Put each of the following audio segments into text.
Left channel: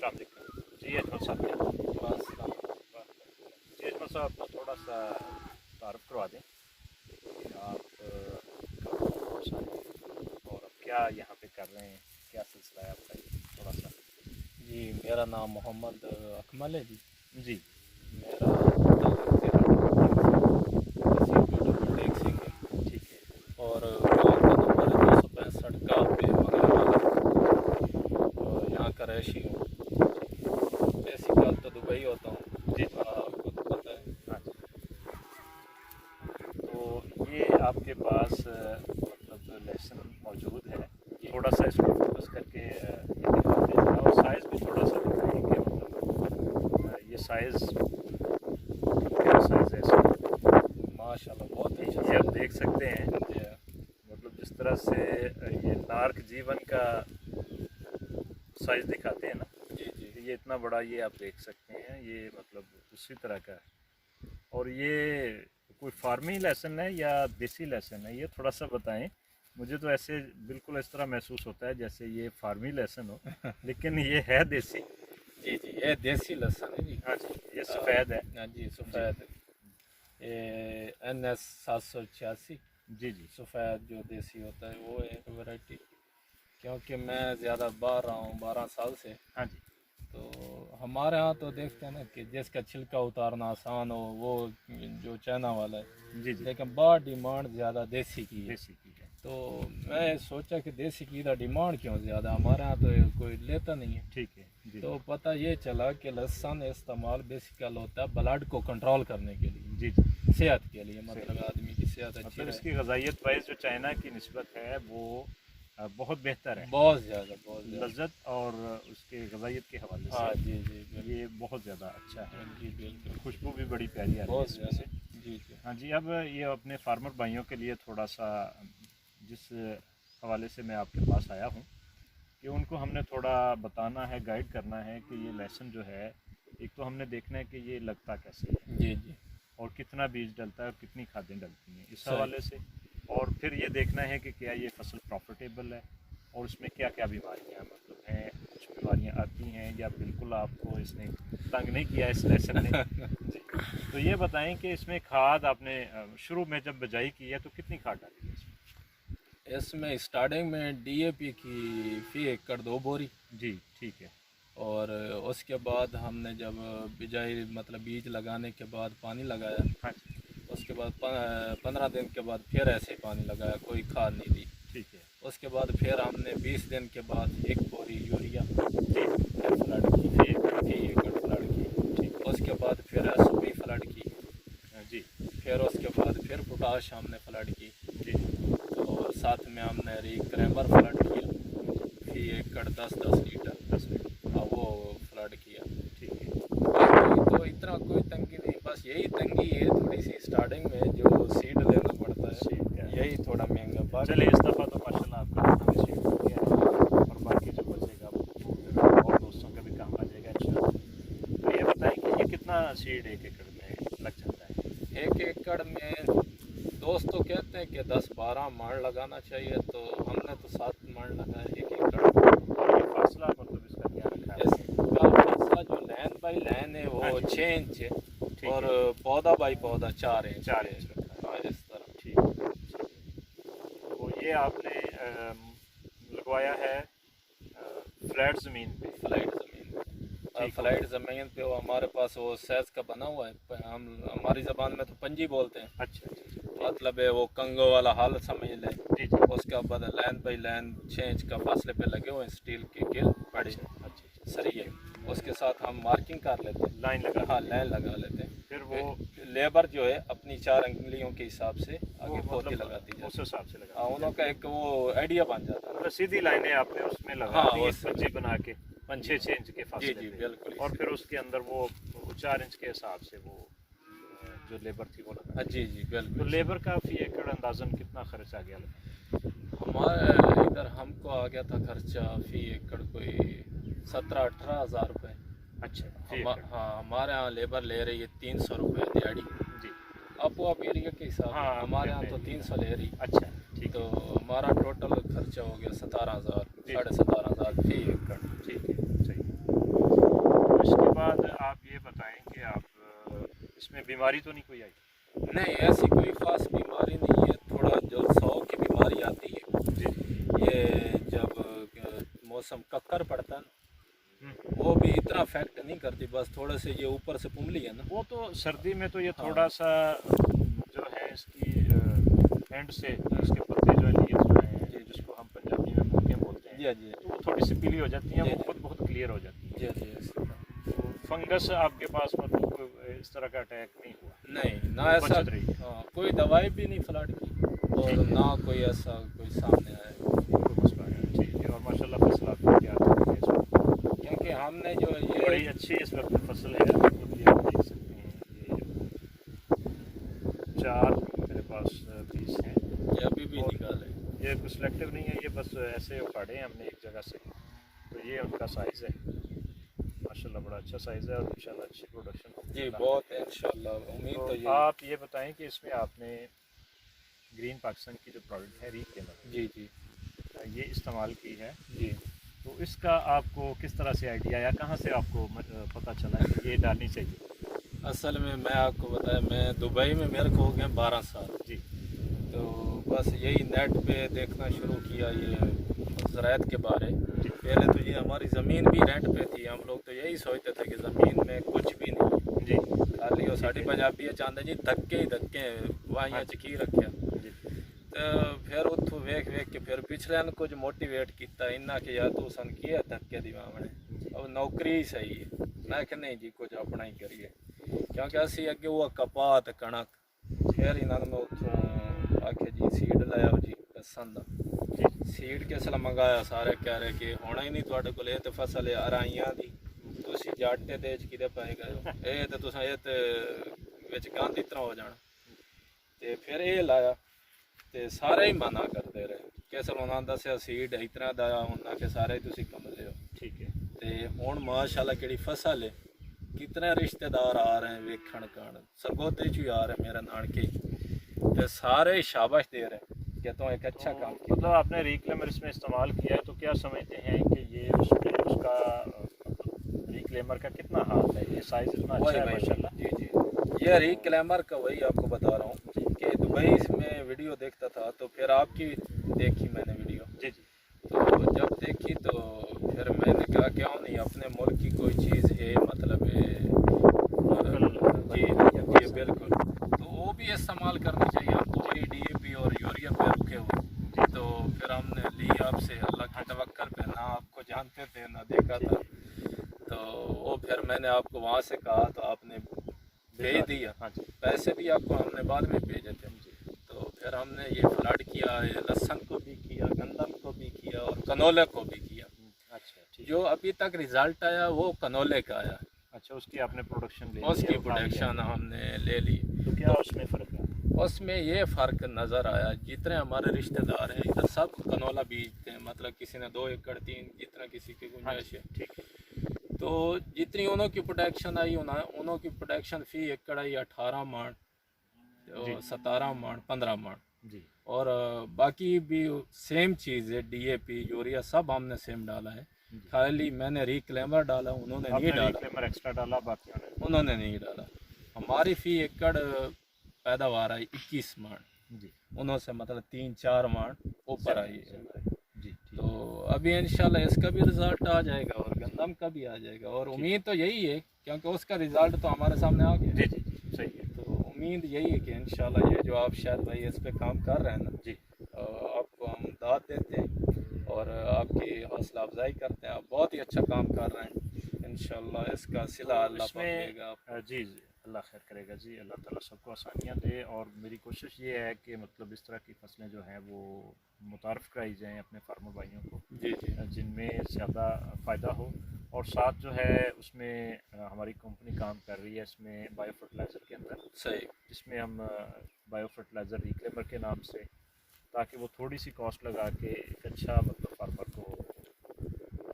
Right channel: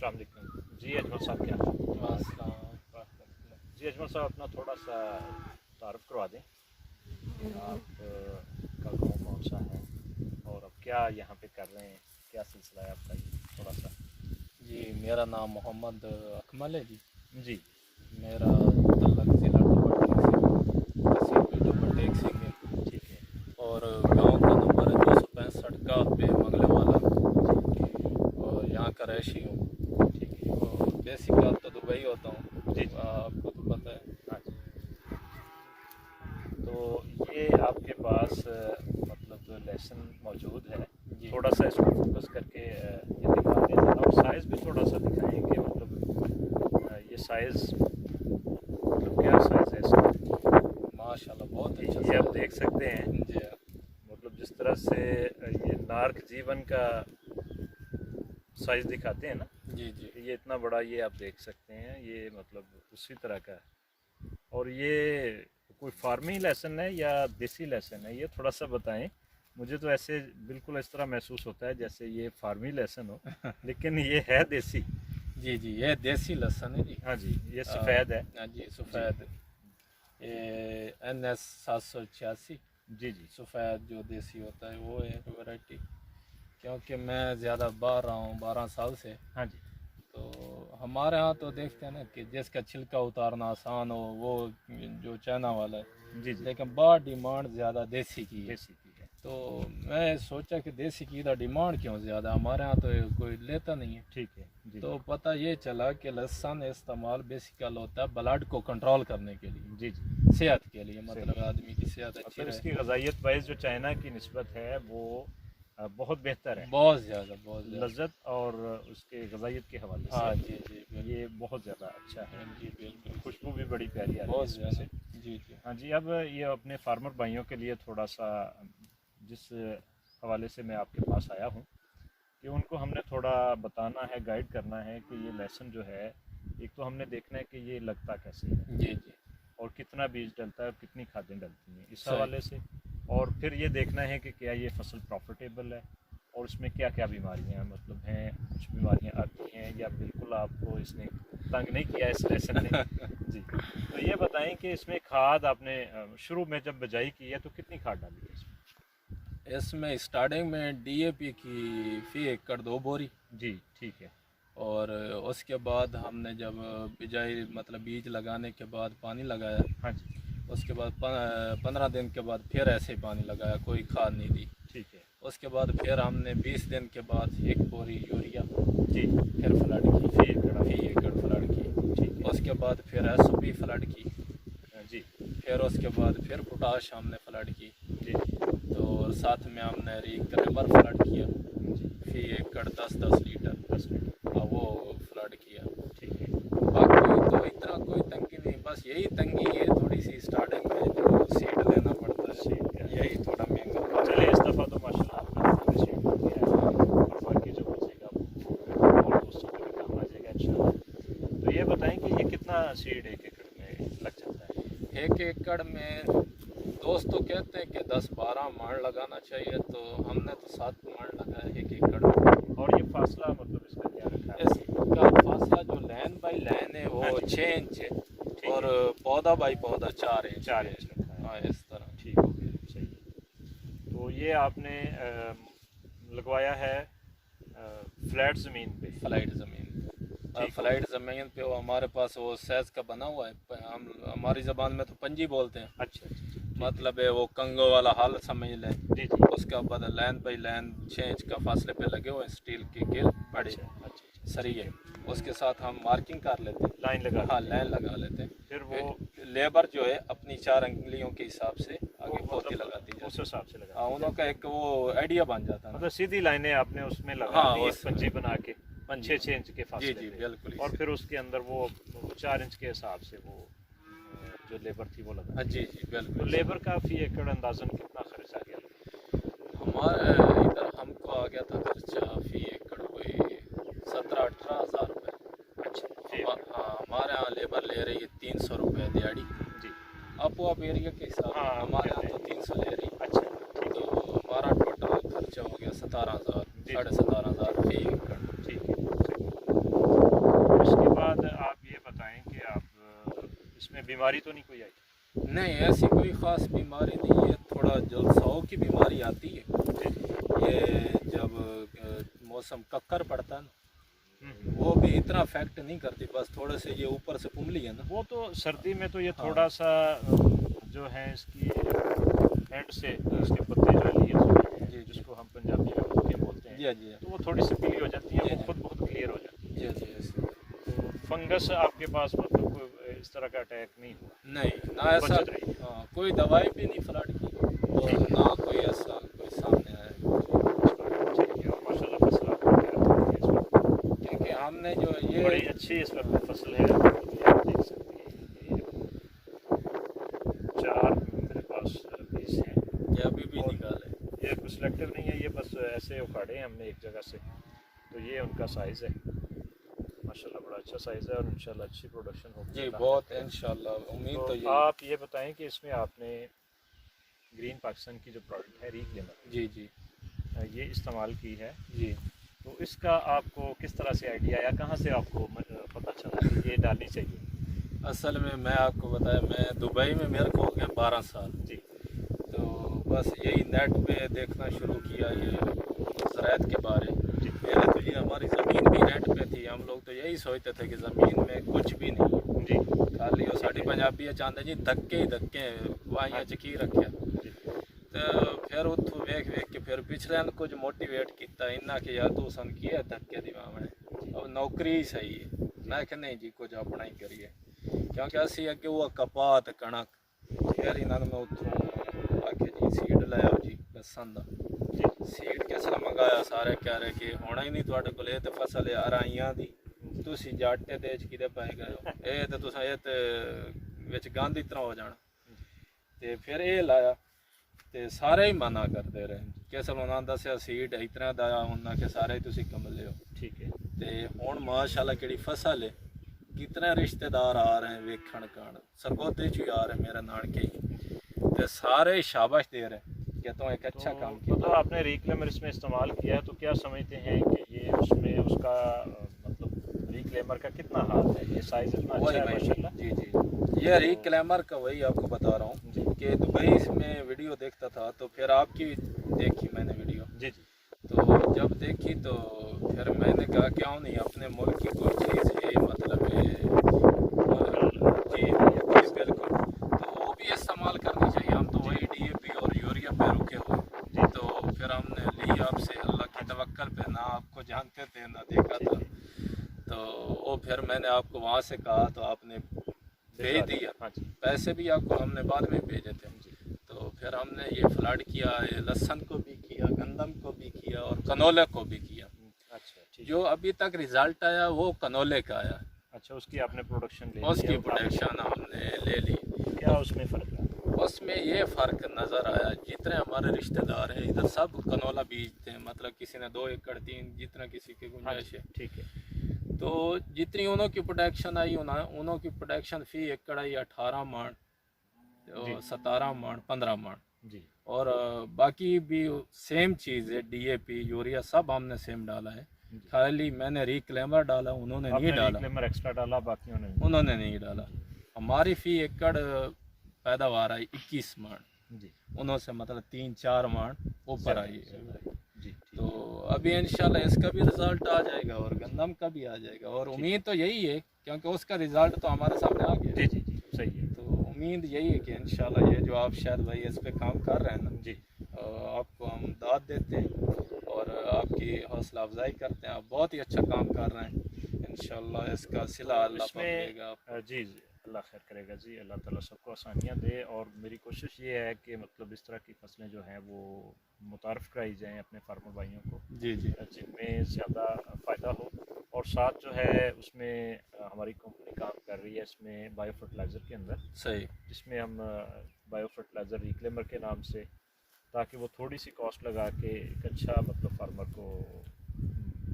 अस्सलाम वालेकुम जी। अजमल साहब क्या जी? अजमल साहब अपना थोड़ा सा तारुफ करवा दें। आप का कौन सा है और अब क्या यहाँ पे कर रहे हैं, क्या सिलसिला है आपका, ये थोड़ा सा। जी, मेरा नाम मोहम्मद अकमल है जी। जी मेरा टेक सिंह है, ठीक है। और गाँव का नंबर है 265 का पे मंगले वाला, और यहाँ का रहायशी हूँ। बेसिकल तो दुबई होता हूँ जी, आपको तो पता है। हाँ जी। तो ये आपके पास मतलब लेसन मौजूद है, थोड़ा सा इसको फोकस करके ये दिखा दें और साइज़ भी थोड़ा सा दिखाएं कि मतलब ये साइज़ क्या साइज़ है इसका। माशाल्लाह बहुत अच्छा ये आप देख सकते हैं जी। मतलब जिस तरह से ये नार्क जीवन का साइज़ दिखाते हैं ना जी जी ये इतना बड़ा, ये आप देख सकते हैं, ये मतलब उसी तरह का है। और ये कोई फार्मी लेसन है या देसी लेसन है, ये थोड़ा सा बताएं। मुझे तो ऐसे बिल्कुल इस तरह महसूस होता है जैसे ये फार्मी लेसन हो लेकिन ये है देसी। जी जी, ये देसी लहसुन है जी। हाँ जी, ये सफ़ेद है। हाँ जी, सफ़ेद। ये NS 786 जी जी सफ़ेद जो देसी होता है वो एक वैरायटी। क्योंकि मैं ज़्यादा बाहर रहा हूँ 12 साल से, हाँ जी तो हमारे यहाँ तो देखते हैं ना कि जिसका छिलका उतारना आसान हो वो जो चाइना वाला है, जी जी लेकिन बाहर डिमांड ज़्यादा देसी की है। देसी की है। तो मैं सोचा कि देसी की इधर डिमांड क्यों ज़्यादा, हमारे यहाँ तो कोई लेता नहीं है। ठीक है जी। तो पता ये चला कि लहसुन इस्तेमाल बेसिकल होता है ब्लड को कंट्रोल करने के लिए, जी जी सेहत के लिए, मतलब आदमी की सेहत अच्छी मतलब रहे। इसकी गजाइत वाइज जो चाइना की निस्बत है वो बहुत बेहतर है, बहुत ज़्यादा लज्जत और उसके गजाइत के हवाले से। हाँ जी जी बिल्कुल। ये बहुत ज़्यादा अच्छा है जी बिल्कुल, खुशबू भी बड़ी प्यारी आ रही है बहुत इसमें ज़्यादा। से। जी जी हाँ जी, अब ये अपने फार्मर भाइयों के लिए थोड़ा सा जिस हवाले से मैं आपके पास आया हूँ कि उनको हमने थोड़ा बताना है, गाइड करना है कि ये लेसन जो है, एक तो हमने देखना है कि ये लगता कैसे है जी जी और कितना बीज डलता है और कितनी खादें डलती हैं इस सही। हवाले से, और फिर ये देखना है कि क्या ये फसल प्रॉफिटेबल है और इसमें क्या क्या बीमारियां मतलब हैं, कुछ बीमारियां आती हैं या बिल्कुल आपको इसने तंग नहीं किया इस लेसन ने। जी, तो ये बताएं कि इसमें खाद आपने शुरू में जब बिजाई की है तो कितनी खाद डाली है इसमें? इसमें स्टार्टिंग में DAP की फी एकड़ 2 बोरी, जी ठीक है। और उसके बाद हमने जब बिजाई मतलब बीज लगाने के बाद पानी लगाया, हाँ जी उसके बाद 15 दिन के बाद फिर ऐसे ही पानी लगाया, कोई खाद नहीं दी। ठीक है। उसके बाद फिर हमने 20 दिन के बाद 1 बोरी यूरिया जी फिर फ्लड की, फी एकड़ फ्लड की। उसके बाद फिर SOP फ्लड की। जी फिर उसके बाद फिर पोटाश हमने फ्लड की। जी तो साथ में हमने क्रैमर फ्लड किया, फी एकड़ 10-10 लीटर 10 मिनट वो फ्लड किया। ठीक है। बाकी तो इतना कोई तंगी नहीं, बस यही तंगी है थोड़ी सी स्टार्टिंग में जो सीड लेना पड़ता है, ठीक है। यही थोड़ा महंगा। चलिए इस दफ़ा तो माशाल्लाह आपका सीड हो गया है और बाकी जो बचेगा वो फिर और दोस्तों के भी काम आ जाएगा इंशाल्लाह। तो ये बताएं कि ये कितना सीड एक एकड़ में लग जाता है? 1 एकड़ में दोस्त तो कहते हैं कि 10-12 मण लगाना चाहिए, तो हमने तो 7 मण लगाया 1 एकड़। और ये फासला मतलब इसका क्या रखा है? इसका फासला जो लाइन बाई लाइन है वो 6 इंच है, और पौधा बाई पौधा 4 इंच 4 इंच रखा है। हाँ, इस तरह। ठीक है। तो ये आपने लगवाया है फ्लैट ज़मीन पे? फ्लाइट ज़मीन ठीक। फ्लाइट ज़मीन पे वो हमारे पास वो सैज का बना हुआ है, हम हमारी ज़बान में तो पंजी बोलते हैं। अच्छा अच्छा। मतलब है वो कंगो वाला हाल समझ लें। जी जी। उसका बाद लाइन बाई लाइन 6 इंच का फासले पे लगे हुए हैं स्टील की गिर बड़े अच्छा अच्छा। सरिये, उसके साथ हम मार्किंग कर लेते हैं, लाइन लगा। हाँ लाइन लगा लेते हैं। फिर वो लेबर जो है अपनी 4 अंगुलियों के हिसाब से आगे पोती मतलब लगाती है, उस हिसाब से लगा। हाँ उनका एक वो आइडिया बन जाता है। मतलब सीधी लाइनें आपने उसमें लगा हाँ, दी उस- पंजी बना के 6 इंच के जी फासले जी पे। बिल्कुल। और फिर उसके अंदर वो 4 इंच के हिसाब से वो जो लेबर थी वो लगा। हाँ जी जी तो बिल्कुल। लेबर का फी एकड़ अंदाजन कितना खर्च आ गया? हमारे इधर हमको आ गया था खर्चा फी एकड़ कोई 17-18 हज़ार रुपये। अच्छा हाँ, हमारे यहाँ लेबर ले रही है 300 रुपये दिहाड़ी। जी। आप एरिया के हिसाब से हाँ, हमारे यहाँ तो 300 ले रही। अच्छा तो हमारा टोटल खर्चा हो गया 17,000, जी। 17,500 फी एकड़। ठीक है। اس میں بیماری تو نہیں کوئی آئی؟ نہیں ایسی کوئی خاص بیماری نہیں ہے، تھوڑا جلساؤ کی بیماری آتی ہے، یہ جب موسم ککر پڑتا ہے نا وہ بھی اتنا افیکٹ نہیں کرتی، بس تھوڑے سے یہ اوپر سے پملی ہے نا، وہ تو سردی میں تو یہ تھوڑا سا جو ہے اس کی اینڈ سے اس کے پتے جو ہیں جس کو ہم پنجابی میں مولیاں بولتے ہیں، جی جی تو وہ تھوڑی سی پیلی ہو جاتی ہیں، وہ خود بہت کلیئر ہو جاتی ہیں۔ جی جی فنگس آپ کے پاس مطلب کوئی اس طرح کا اٹیک نہیں ہوا؟ نہیں نہ ایسا، بچت رہی؟ ہاں کوئی دوائی بھی نہیں فلڈ کی اور نہ کوئی ایسا کوئی سامنے آیا، ٹھیک ہے، اور ماشاء اللہ فصل آپ کو کیا آتی ہے اس وقت؟ کیونکہ ہم نے جو یہ بڑی اچھی اس وقت فصل ہے، یہ آپ دیکھ سکتے ہیں، یہ 4 میرے پاس پیس ہیں، یہ ابھی بھی نکالے، یہ کوئی سلیکٹیو نہیں ہے، یہ بس ایسے اکھاڑے ہیں ہم نے ایک جگہ سے، تو یہ ان کا سائز ہے، ماشاءاللہ بڑا اچھا سائز ہے اور انشاءاللہ اچھی پروڈکشن ہوگی جی بہت انشاءاللہ امید تو تو یہ، آپ یہ بتائیں کہ اس میں آپ نے گرین پاکستان کی جو پروڈکٹ ہے ریکلیمر، جی جی یہ استعمال کی ہے، جی تو اس کا آپ کو کس طرح سے آئیڈیا آیا، کہاں سے آپ کو پتہ چلا کہ یہ ڈالنی چاہیے؟ اصل میں آپ کو بتایا میں دبئی میں میرے کو ہو گئے 12 سال، جی تو بس یہی نیٹ پہ دیکھنا شروع کیا یہ زراعت کے بارے، جی پہلے تو یہ ہماری زمین بھی رینٹ پہ تھی، ہم لوگ تو یہی سوچتے تھے کہ زمین میں کچھ بھی نہیں، جی خالی وہ ساڑی پنجابی چاہتے جی دھکے ہی دھکے وائیاں چکی رکھیا، جی تو پھر اتوں ویکھ ویکھ کے پھر پچھلے نے کچھ موٹیویٹ کیتا انہاں کہ یار تو سن کیا دھکے دی واونے اب نوکری ہی صحیح ہے، میں کہ نہیں جی کچھ اپنا ہی کریے، کیونکہ اسی اگے وہ کپاہ تے کنک، پھر انہاں نے اتوں آ کے جی سیڈ لایا جی لسن دا، سیڈ کس نے منگایا، سارے کہہ رہے کہ ہونا ہی نہیں تواڈے کول، یہ تے فصل ہے ارائیاں دی، تسی جاٹے تے کدے پے گئے ہو، اے تے تساں اے تے وچ گند اس طرح ہو جانا، تے پھر اے لایا تے سارے ہی منع کرتے رہے، کیسے انہاں دسیا سیڈ اس طرح دا ہونا کہ سارے تسی کملے ہو، ٹھیک ہے، تے ہن ماشاءاللہ کیڑی فصل ہے، کتنے رشتہ دار آ رہے ہیں ویکھن کان، سرگودے چ آ رہے ہیں میرے نانکے، تے سارے شاباش دے رہے ہیں کہ تو ایک اچھا کام کیا، مطلب آپ نے ریکلیمر اس میں استعمال کیا ہے، تو کیا سمجھتے ہیں کہ یہ اس میں اس کا مطلب ریکلیمر کا کتنا ہاتھ ہے، یہ سائز اتنا اچھا ہے ماشاءاللہ؟ جی جی یہ ریکلیمر کا وہی آپ کو بتا رہا ہوں کہ دبئی میں ویڈیو دیکھتا تھا، تو پھر آپ کی دیکھی میں نے ویڈیو، جی جی تو جب دیکھی تو پھر میں نے کہا کیوں نہیں اپنے ملک کی کوئی چیز ہے، مطلب ہے جی جی بالکل، تو وہ بھی استعمال کرنی چاہیے، ہم تو وہی ڈی اے پی اور یوریا پہ رکے ہوئے جی، تو پھر ہم نے لی آپ سے اللہ کی توکل پہ، نہ آپ کو جانتے تھے نہ دیکھا تھا، تو وہ پھر میں نے آپ کو وہاں سے کہا تو آپ نے بھیج دیا، ہاں جی، پیسے بھی آپ کو ہم نے بعد میں بھیجے تھے، تو پھر ہم نے یہ فلڈ کیا، یہ لہسن کو بھی کیا، گندم کو بھی کیا اور کنولے کو بھی کیا، اچھا ٹھیک، جو ابھی تک رزلٹ آیا وہ کنولے کا آیا، اچھا اس کی آپ نے پروڈکشن لے اس کی پروڈکشن ہم نے لے لی، کیا اس میں فرق ہے؟ اس میں یہ فرق نظر آیا، جتنے ہمارے رشتہ دار ہیں ادھر سب کنولا بیجتے ہیں، مطلب کسی نے 2 ایکڑ 3، جتنا کسی کی گنجائش ہے، ٹھیک ہے، تو جتنی انہوں کی پروڈکشن آئی انہوں کی پروڈکشن فی ایکڑ آئی 18 من، 17 من، 15 من، جی، اور باقی بھی سیم چیز ہے، ڈی اے پی یوریا سب ہم نے سیم ڈالا ہے، خالی میں نے ریکلیمر ڈالا، انہوں نے نہیں ڈالا، ریکلیمر ایکسٹرا ڈالا، باقیوں نے انہوں نے نہیں ڈالا، ہماری فی ایکڑ پیداوار آئی 21 من، جی انہوں سے مطلب 3-4 من اوپر آئی، جی، تو ابھی انشاءاللہ اس کا بھی رزلٹ آ جائے گا اور گندم کا بھی آ جائے گا، اور امید تو یہی ہے کیونکہ اس کا رزلٹ تو ہمارے سامنے آ گیا، جی جی جی صحیح ہے، تو امید یہی ہے کہ انشاءاللہ یہ جو آپ شاید بھائی اس پہ کام کر رہے ہیں نا، جی آپ کو ہم داد دیتے ہیں اور آپ کی حوصلہ افزائی کرتے ہیں، آپ بہت ہی اچھا کام کر رہے ہیں، انشاءاللہ اس کا صلہ اللہ اس پاک میں دے گا، جی جی اللہ خیر کرے گا جی، اللہ تعالیٰ سب کو آسانیاں دے، اور میری کوشش یہ ہے کہ مطلب اس طرح کی فصلیں جو ہیں وہ متعارف کرائی جائیں اپنے فارمر بھائیوں کو، جی جی جن میں زیادہ فائدہ ہو، اور ساتھ جو ہے اس میں ہماری کمپنی کام کر رہی ہے اس میں بایو فرٹیلائزر کے اندر، صحیح، جس میں ہم بایو فرٹیلائزر ریکلیمر کے نام سے، تاکہ وہ تھوڑی سی کاسٹ لگا کے ایک اچھا مطلب فارمر کو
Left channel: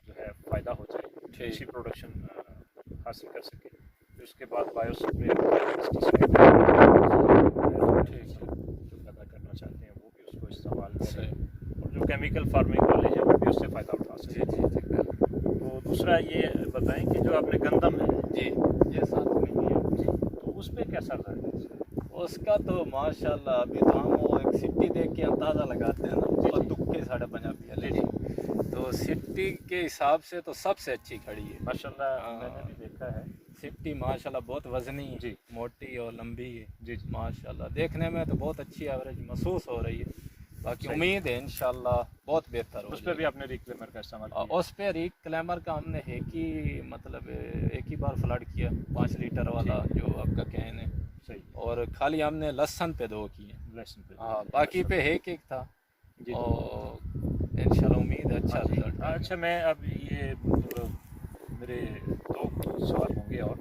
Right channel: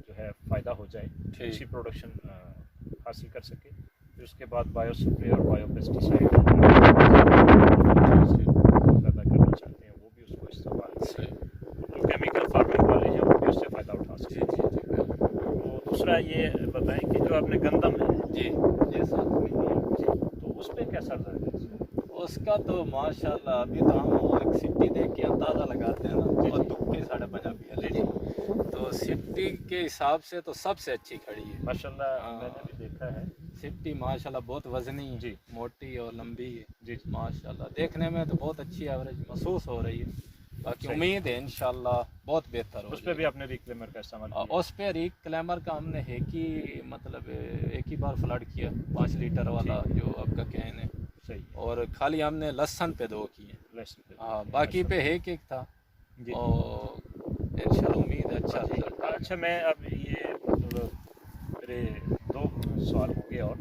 جو ہے فائدہ ہو جائے، اچھی پروڈکشن حاصل کر سکے، پھر اس کے بعد بایو سپرے پیدا کرنا چاہتے ہیں وہ بھی اس کو استعمال کریں، جو کیمیکل فارمنگ والے ہیں وہ بھی اس سے فائدہ اٹھا سکتے ہیں۔ تو دوسرا یہ بتائیں کہ جو آپ نے گندم ہے جی یہ 7 مہینے جی، تو उस पे कैसा रिजल्ट है? उसका तो माशाल्लाह अभी तो हम वो एक सिट्टी देख के अंदाज़ा लगाते हैं ना, जी, और जी। तुक्के साढ़े पंजाबी वाले जी, तो सिट्टी के हिसाब से तो सबसे अच्छी खड़ी है। माशाल्लाह हाँ। मैंने भी देखा है। सिट्टी माशाल्लाह बहुत वजनी है, जी। मोटी और लंबी है जी जी। माशाल्लाह। देखने में तो बहुत अच्छी एवरेज महसूस हो रही है। बाकी सही। उम्मीद है इंशाल्लाह बहुत बेहतर हो उस पर भी आपने रिक्लेमर का इस्तेमाल जाएगी। किया? उस पे रिक क्लैमर का हमने एक ही बार फ्लड किया 5 लीटर वाला जो आपका कैन है, सही। और खाली हमने लहसन पे 2 किए। लेसन पे हाँ, बाकी पे एक था। जी। और इंशाल्लाह उम्मीद है अच्छा रिजल्ट आएगा। अच्छा, मैं अब ये मतलब मेरे 2 सवाल होंगे, और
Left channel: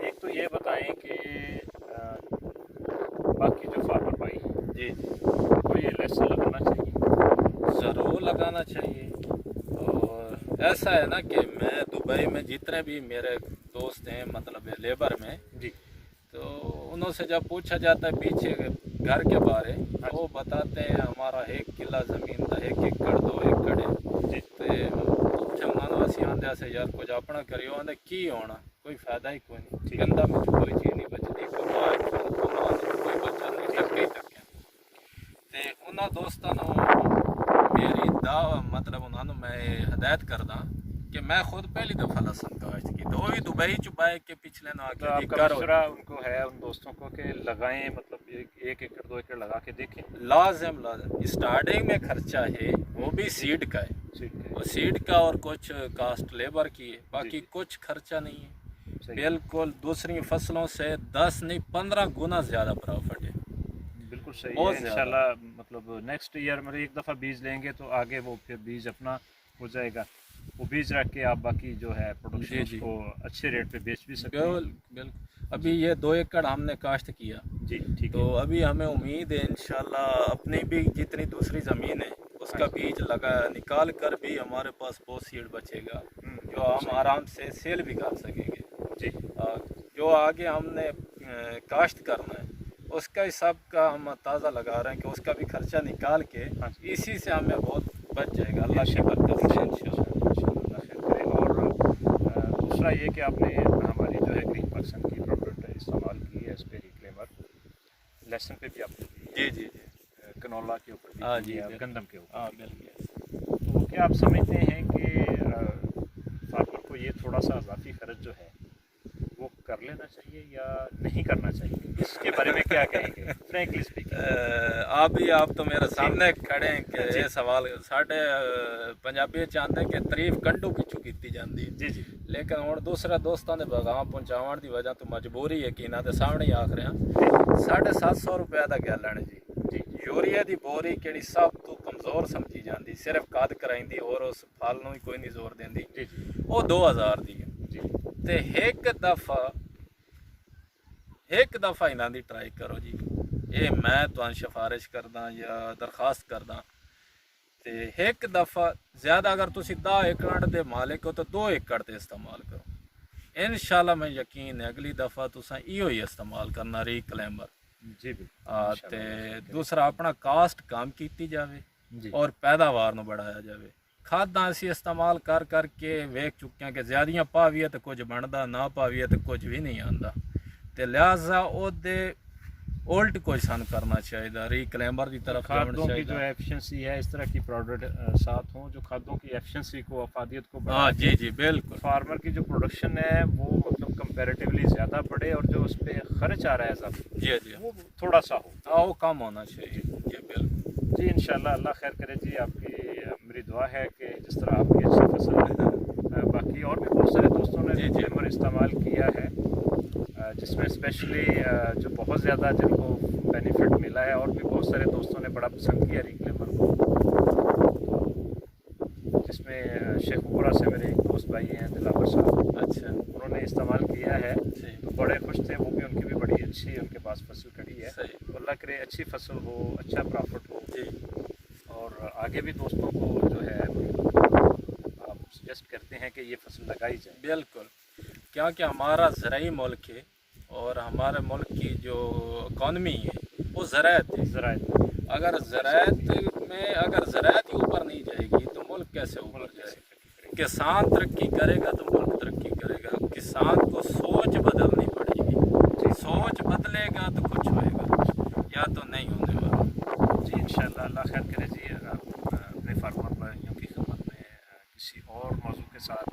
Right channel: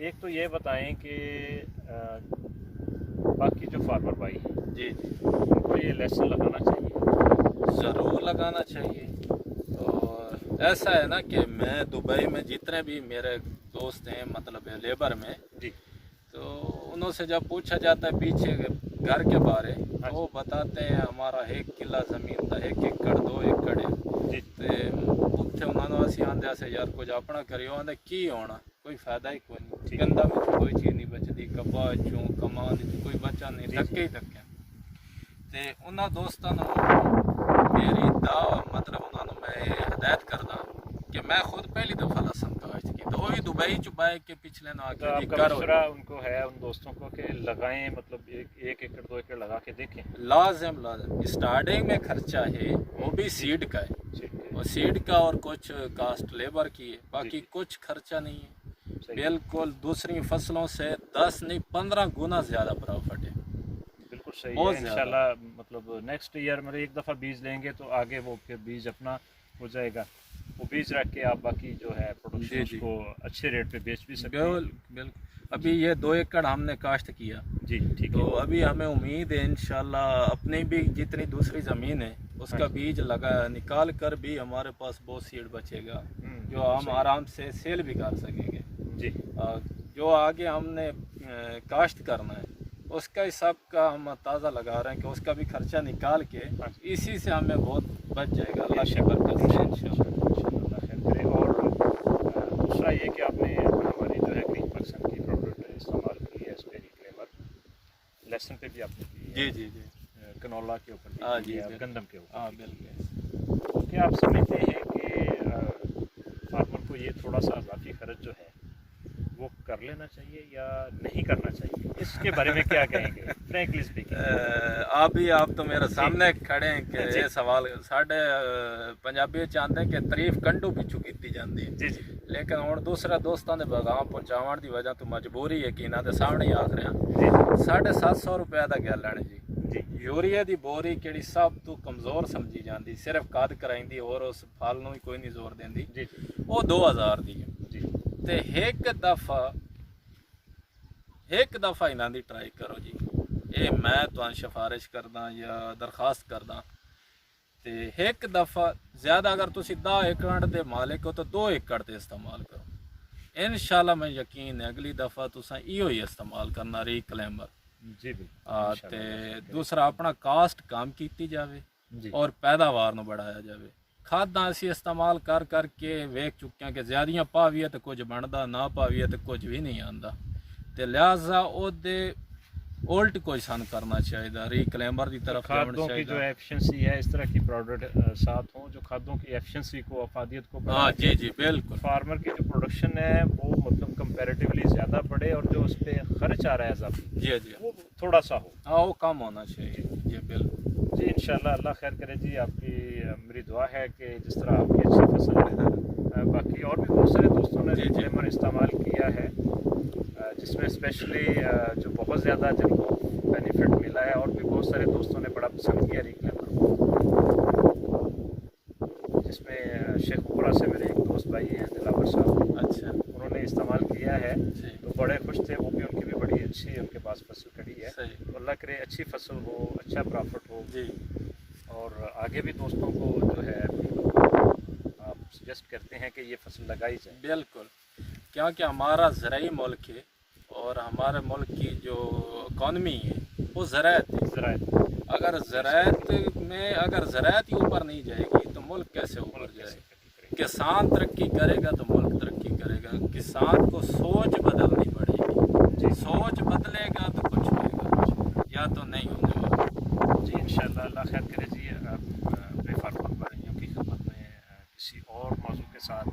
एक तो ये बताएं कि बाकी जो फार्मर भाई हैं जी, तो ये लेसन लगाना चाहिए? ज़रूर लगाना चाहिए। और ऐसा है ना कि मैं दुबई में जितने भी मेरे दोस्त हैं मतलब लेबर में, जी तो उनसे जब पूछा जाता है पीछे घर के बारे, हाँ। वो बताते हैं हमारा 1 किला ज़मीन था, 1 एकड़ 2 एकड़ है। जी तो मानो असी आंदे से यार कुछ अपना करियो, आंदे की होना, कोई फायदा ही कोई नहीं, ठीक। गंदा में कोई चीज़ नहीं बचती, कमाए कोई बच्चा नहीं धक्के करके। ते उन्होंने दोस्तों मेरी दावा मतलब उन्होंने मैं हिदायत करदा कि मैं खुद पहली दफ़ा लहसन काश्त की, तो भी दुबई चुबाए के पिछले ना तो आके जी आपका करो। मशवरा उनको है, उन दोस्तों को, कि लगाएं, मतलब 1 एकड़ 2 एकड़ लगा के देखें? लाजम स्टार्टिंग में खर्चा है, वो भी सीड का है, ठीक है। वो सीड का और कुछ कास्ट लेबर की है, बाकी जी। कुछ खर्चा नहीं है। सही। बिल्कुल दूसरी फसलों से 10 नहीं 15 गुना ज़्यादा प्रॉफिट है। बिल्कुल सही बहुत है। ज़्यादा। इंशाल्लाह मतलब नेक्स्ट ईयर में एक दफ़ा बीज लेंगे तो आगे वो फिर बीज अपना हो जाएगा, वो बीज रख के आप बाकी जो है प्रोडक्शन जी, जी। उसको अच्छे रेट पे बेच भी सकते हैं। बिल्कुल। अभी ये 2 एकड़ हमने काश्त किया, जी ठीक तो है। अभी हमें उम्मीद है इंशाल्लाह अपनी भी जितनी दूसरी ज़मीन है उसका हाँ। बीज लगा निकाल कर भी हमारे पास बहुत सीड बचेगा, जो हम सही। आराम से सेल भी कर सकेंगे। जी जो आगे हमने काश्त करना है उसका हिसाब का हम ताज़ा लगा रहे हैं कि उसका भी खर्चा निकाल के हाँ। इसी से हमें बहुत बच जाएगा, अल्लाह की बरकत से इंशाल्लाह। करे। और दूसरा ये कि आपने हमारी जो है ग्रीन पर्सन की प्रोडक्ट इस्तेमाल की है, इस पे रिक्लेमर लेसन पे भी आपने दी है, जी जी जी। कनोला के ऊपर भी हाँ दी जी, है, बिल्कुल। गंदम के ऊपर। हाँ बिल्कुल। तो क्या आप समझते हैं कि फार्मर को ये थोड़ा सा इजाफी खर्च जो है वो कर लेना चाहिए या नहीं करना चाहिए, इसके बारे में क्या कहेंगे फ्रैंकली स्पीकिंग? आप तो मेरे सामने खड़े हैं कि जी। ये सवाल साढ़े पंजाबी चाहते हैं कि तारीफ कंडू पिछू की जाती है, जी जी लेकिन हुण दूसरे दोस्तों के पैगाम पहुँचाने की वजह तो मजबूरी है कि इन्हों के सामने ही आख रहा 750 रुपये का गैलन जी। जी यूरिया की बोरी कि सब तो कमज़ोर समझी जाती, सिर्फ कद कराई और उस फल ही कोई नहीं जोर देंदी, जी जी वो 2000 की है। जी ते एक दफ़ा इन्हों की ट्राई करो जी, ये मैं तुहानू सिफारिश करदा या दरखास्त करदा, ते एक दफ़ा ज़्यादा अगर तुसी 10 एकड़ के मालिक हो तो 2 एकड़ ते इस्तेमाल करो, इंशाल्लाह मैं यकीन है अगली दफ़ा तुसा इहो ही इस्तेमाल करना रिक्लेमर। जी बिल्कुल। ते दूसरा अपना कास्ट कम की जाए जी और पैदावार ਨੂੰ बढ़ाया जाए। खादा असी इस्तेमाल कर करके वेख चुके हैं कि ज़्यादा पावीए तो कुछ बनता, ना पावीए तो कुछ भी नहीं आता, तो लिहाजा ओदे उल्ट कोई सन करना चाहिए, रिक्लेमर की तरफ जाना खादों की जो चाहिए। एफिशिएंसी है, इस तरह की प्रोडक्ट साथ हों जो खादों की एफिशिएंसी को, अफादियत को हाँ बढ़ा जी के जी बिल्कुल। फार्मर की जो प्रोडक्शन है वो मतलब कंपैरेटिवली ज़्यादा बढ़े, और जो उस पर खर्च आ रहा है ज़्यादा जी जी वो थोड़ा सा हो। हाँ वो कम होना चाहिए जी बिल्कुल। जी इंशाल्लाह अल्लाह खैर करे जी। आपकी मेरी दुआ है कि जिस तरह आपकी अच्छी फसल है, बाकी और भी बहुत सारे दोस्तों ने जी, जी। रिक्लेमर इस्तेमाल किया है, जिसमें स्पेशली जो बहुत ज़्यादा जिनको बेनिफिट मिला है, और भी बहुत सारे दोस्तों ने बड़ा पसंद किया रिक्लेमर को, जिसमें शेखपुरा से मेरे एक दोस्त भाई हैं दिलावर साहब, अच्छा उन्होंने इस्तेमाल किया है सही तो बड़े खुश थे, वो भी उनकी भी बड़ी अच्छी उनके पास फसल खड़ी है। सही तो अल्लाह करे अच्छी फसल हो, अच्छा प्रॉफिट हो, जी और आगे भी दोस्तों को जो है मतलब आप सजेस्ट करते हैं कि ये फसल लगाई जाए। बिल्कुल, क्योंकि हमारा ज़राई मुल्क है और हमारे मुल्क की जो इकॉनमी है वो ज़राअत है। ज़राअत अगर ज़राअत में अगर ज़राअत ही ऊपर नहीं जाएगी तो मुल्क कैसे ऊपर मुल्क जाएगा? कैसे किसान तरक्की करेगा तो मुल्क तरक्की करेगा। किसान को सोच बदलनी पड़ेगी, सोच बदलेगा तो कुछ होएगा, या तो नहीं होने वाला। जी इंशाल्लाह, अल्लाह खैर करे जी। अपने फार्मर भाइयों की खिदमत में किसी और मौजू के साथ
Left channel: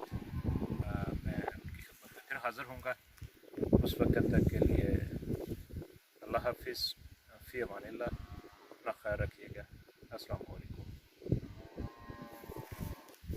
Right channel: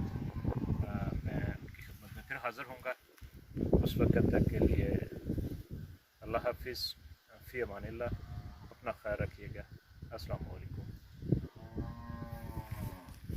मैं उनकी खिदमत में फिर हाज़िर होऊंगा। उस वक्त तक के लिए अल्लाह हाफिज़, फ़ी अमानिल्लाह, अपना ख्याल रखिएगा।